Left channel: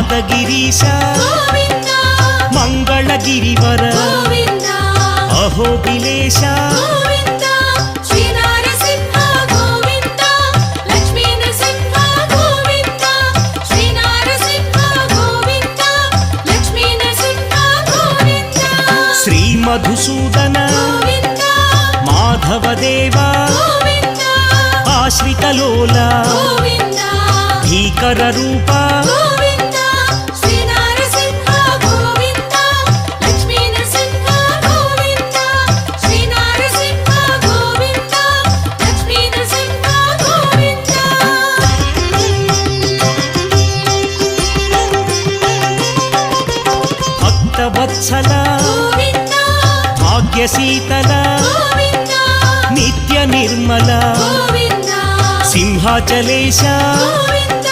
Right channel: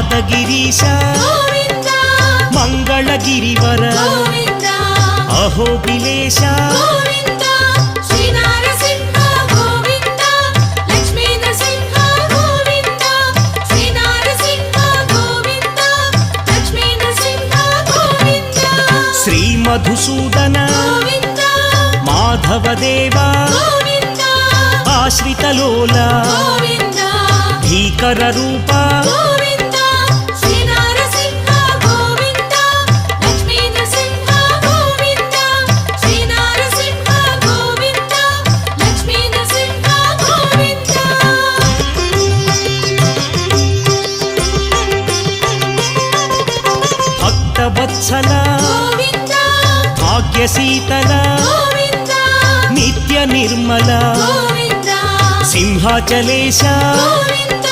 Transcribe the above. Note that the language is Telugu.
యాదగిరీశ మంగళగిరివర అహోబిలేశ శ్రీ మధుసూదన మాధవదేవా ఆశ్రితలోల భీకర రూప భక్తవత్సల భాగ్యశీతల నిత్య నిర్మల సింహాచలేశ